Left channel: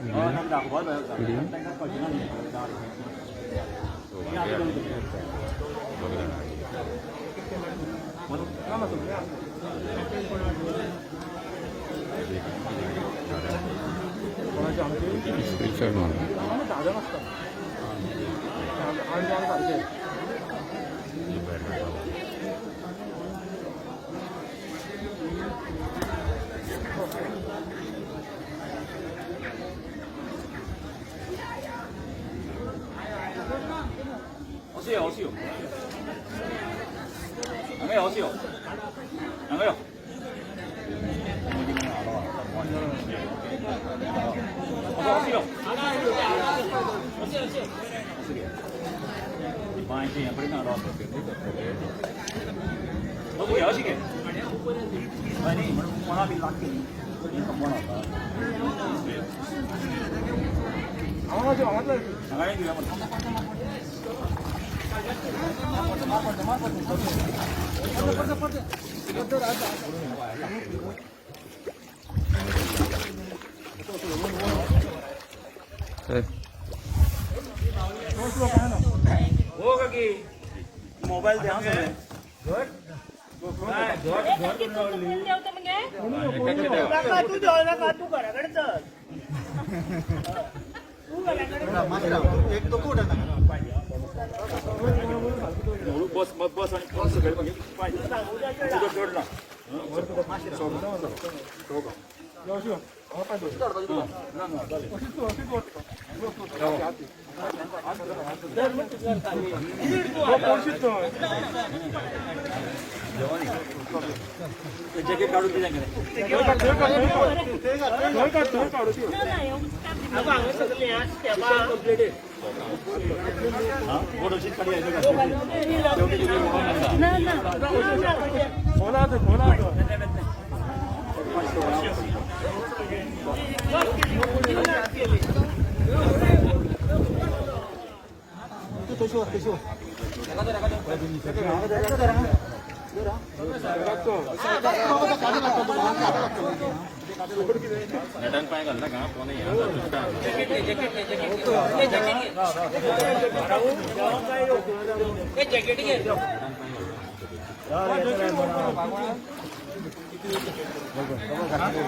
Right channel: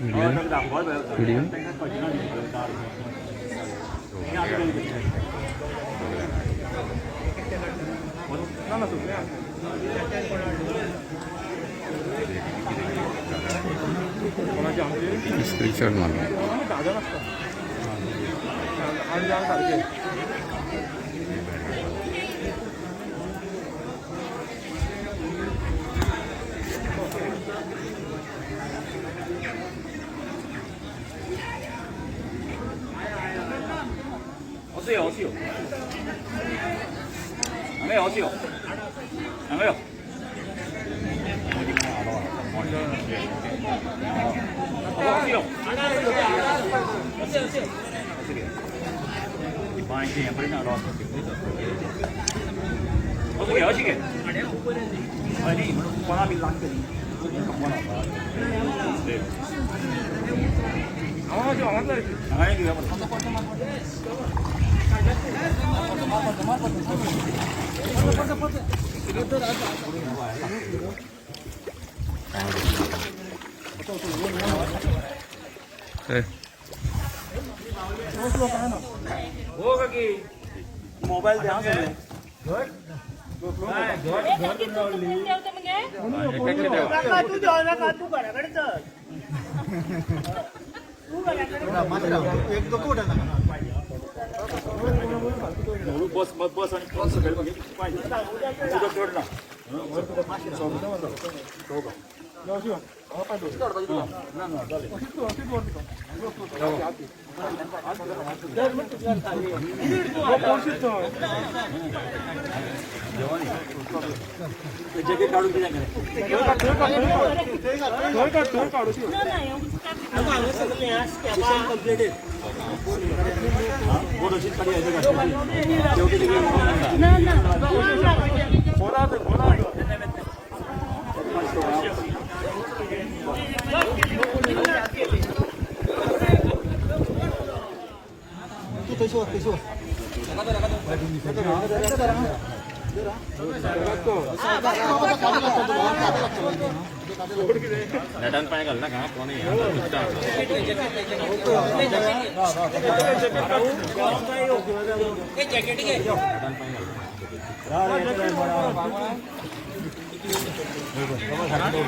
Video video screenshot मारो 어디요? 안 해요, 어디요? 안 해요. 어디요? 어떻게 하시게? 아니, 사람이 mobile ध्यान से बस बस आणि बस जॅकेट काढून दिला नटन काय घालना का कोणी जॅकेट घे नटन काय घालना